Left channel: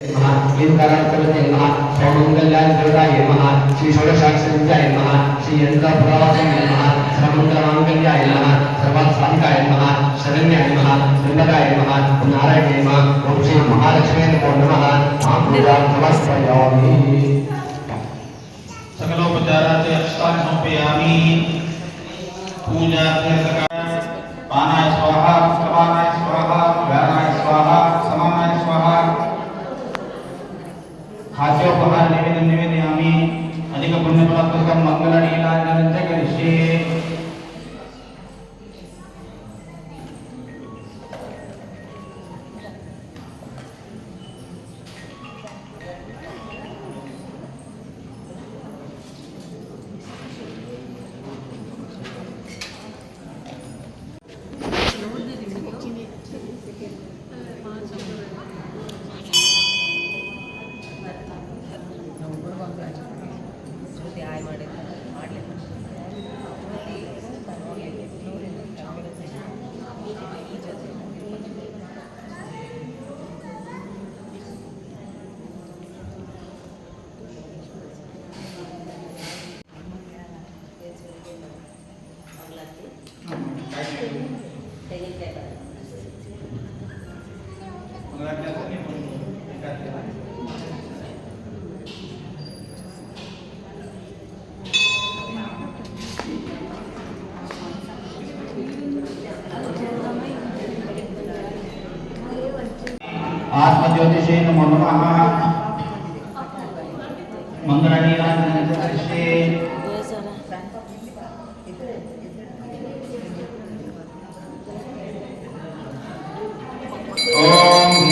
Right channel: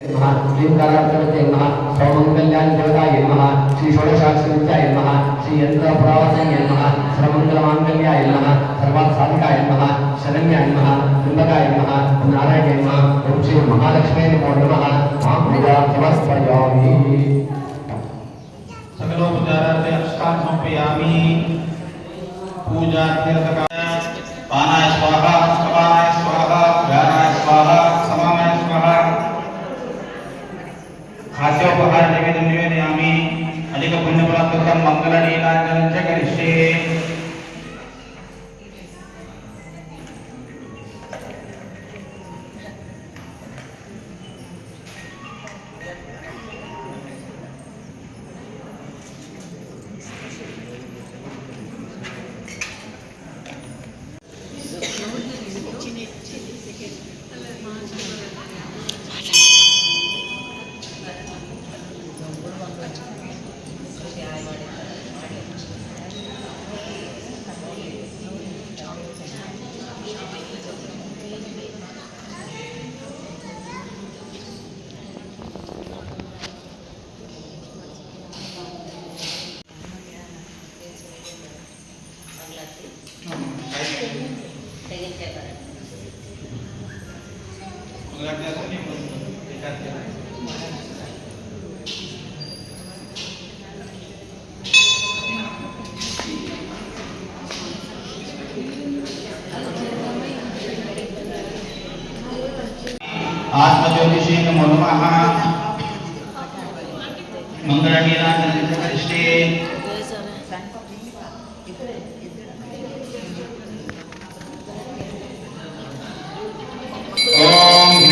ीनकाराचरते नमः सौमंगल्याय देवताय नमः श्री षोडशाक्षरित्याय नमः श्री यंत्रपुरावासाय नमः सर्वमंगलमांगल्याय नमः सर्वार्थसाधिकाय नमः शरण्याय नमः त्र्यंबकाय नमः ओम नारायणाय नमः ओम श्री महालक्ष्मी नमो नमः मां पूजा समर्पयामि सकलोपचारार्थे अष्टांग समर्पयामि पूजा पानाय स्वाहा समानाय स्वाहा ज्ञानाय स्वाहा समानाय स्वाहा खाद्योपहार निवेदयामि अधिक पुण्यफलप्रदं मंगलनीलाञ्जनं च करिष्ये आत्मज्योतिषे नमो नमः मंगलनीलाञ्जनं च करिष्ये ओम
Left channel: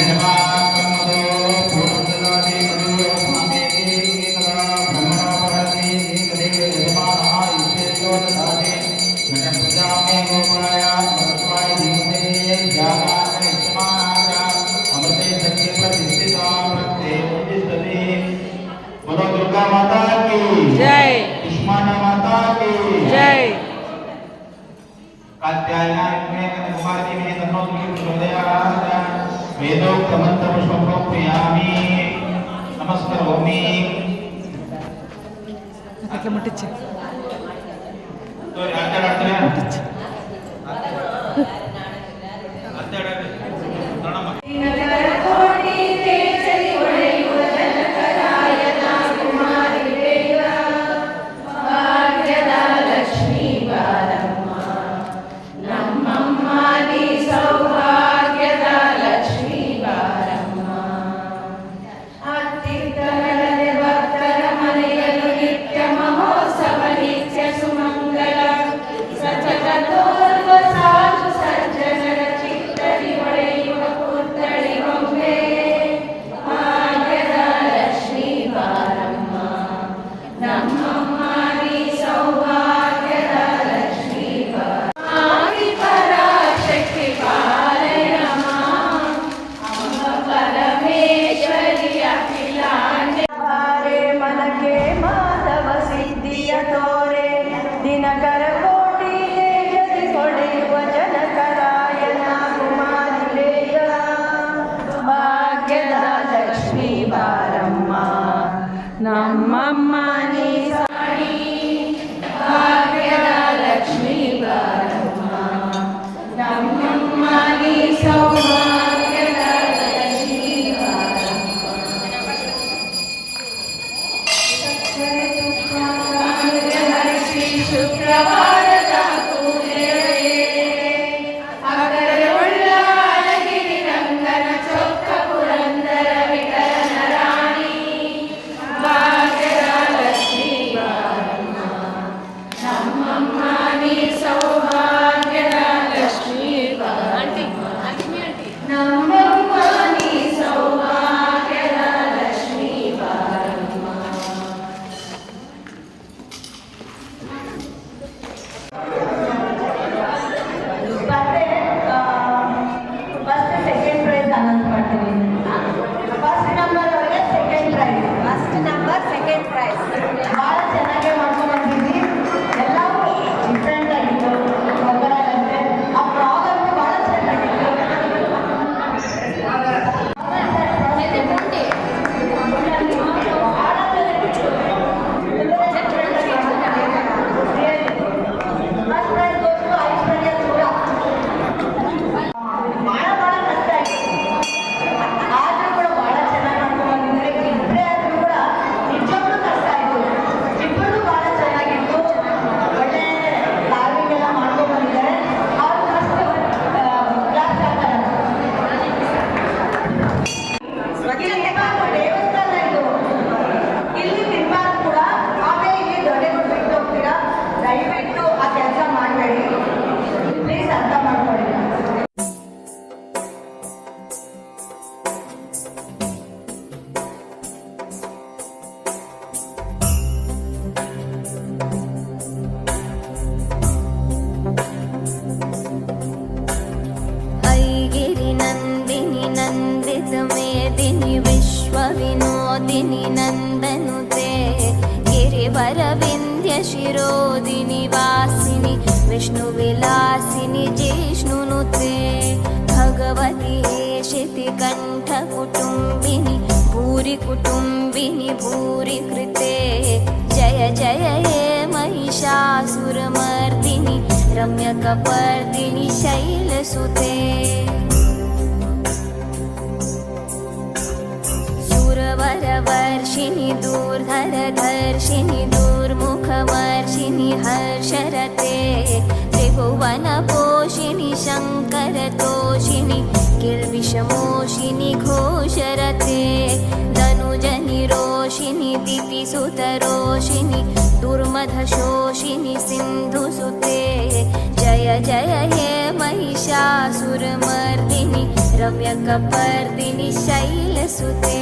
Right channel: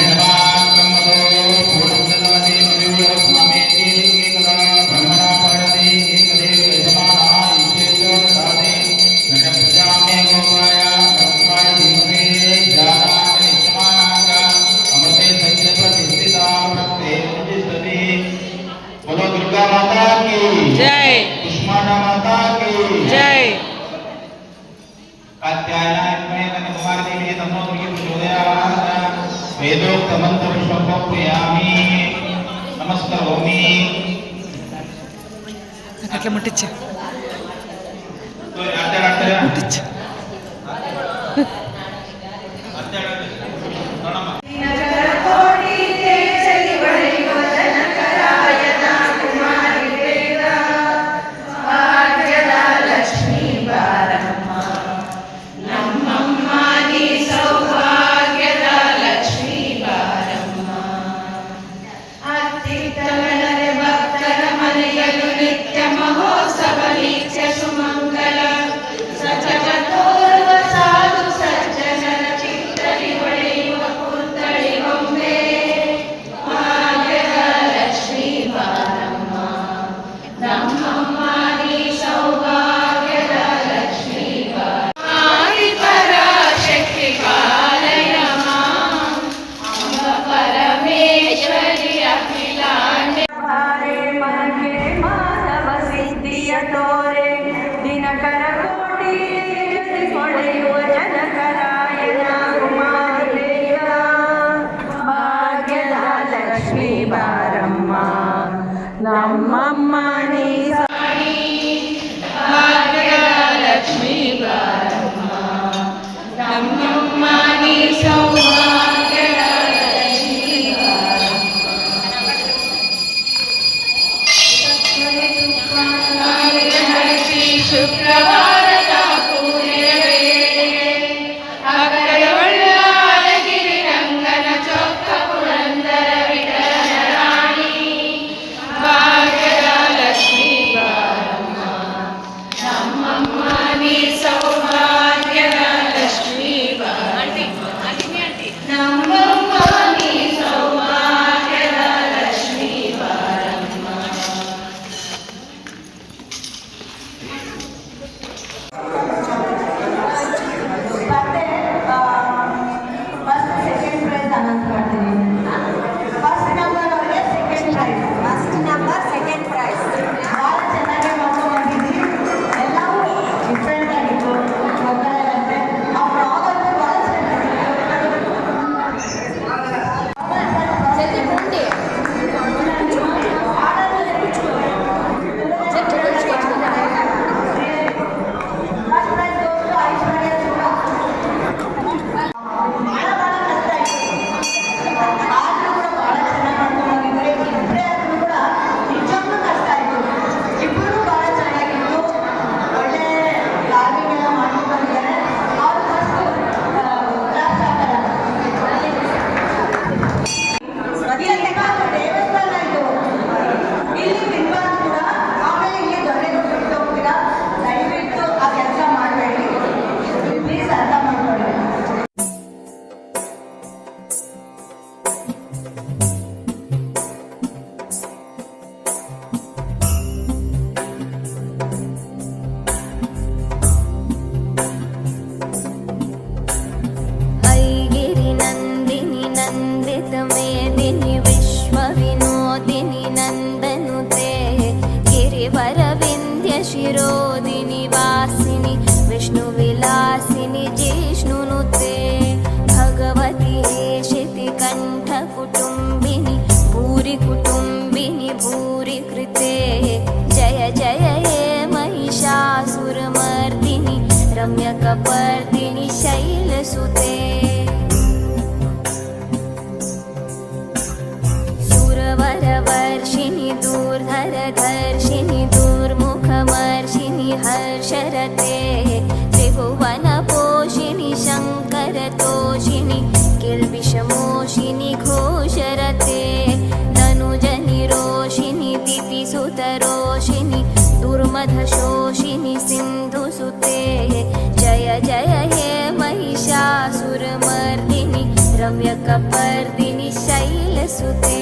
दुर्गा माता की जय, कुष्मांडा माता की जय। कात्यायनाय कुमार देवी तन्नो दुर्गे प्रचोदयात् वेदोक्त मंत्र पुष्पमर्पयामि नमस्करोमि అట్లా ముట్టించు तो आते डॉक्टर ముట్టించు ನಮ್ಮಮ್ಮ ನೀ ಸಾಡಿ ಭಾಗ್ಯದ ಲಕ್ಷ್ಮೀ ಬಾರಮ್ಮ ನಮ್ಮಮ್ಮ ನೀ ಸೌಭಾಗ್ಯದ ಲಕ್ಷ್ಮೀ ಬಾರಮ್ಮ ಹರಿಸಿ ಶುಕ್ರವಾರದ ಪೂಜೆಯ ವೇಳೆಗೆ ಅಗ್ರ ಒಳ್ಳೆಗಿರಿ ರಂಗನ ಚೊಕ್ಕ ಪುರಂದರ ವಿಠಲನ ರಾಣಿ ಭಾಗ್ಯದ ಲಕ್ಷ್ಮೀ ಬಾರಮ್ಮ ನಮ್ಮಮ್ಮ ನೀ ಸೌಭಾಗ್ಯದ ಲಕ್ಷ್ಮೀ ಬಾರಮ್ಮ जगतमेदिनि विश्वविनोदिनि नन्दनुते गिरिवरविन्ध्यशिरोदिनि वासिनि विष्णुविलासिनि जिष्णुनुते भगवति हेशितिकण्ठकुटुम्बिनि भूरि कुटुम्बिनि भूरि कृते जय जय हे महिषासुरमर्दिनि रम्यकपर्दिनि शैलसुते सुरवरवर्षिणि दूर्धरधर्षिणि दूर्मुखमर्षिणि हर्षरते त्रिभुवनपोषिणि शङ्करतोषिणि किल्बिषमोषिनि घोषरते धनुजनिरोषिणि दितिसुतरोषिणि दुर्मधशोषिनि सिन्धुसुते जय जय हे महिषासुरमर्दिनि रम्यकपर्दिनि शैलसुते।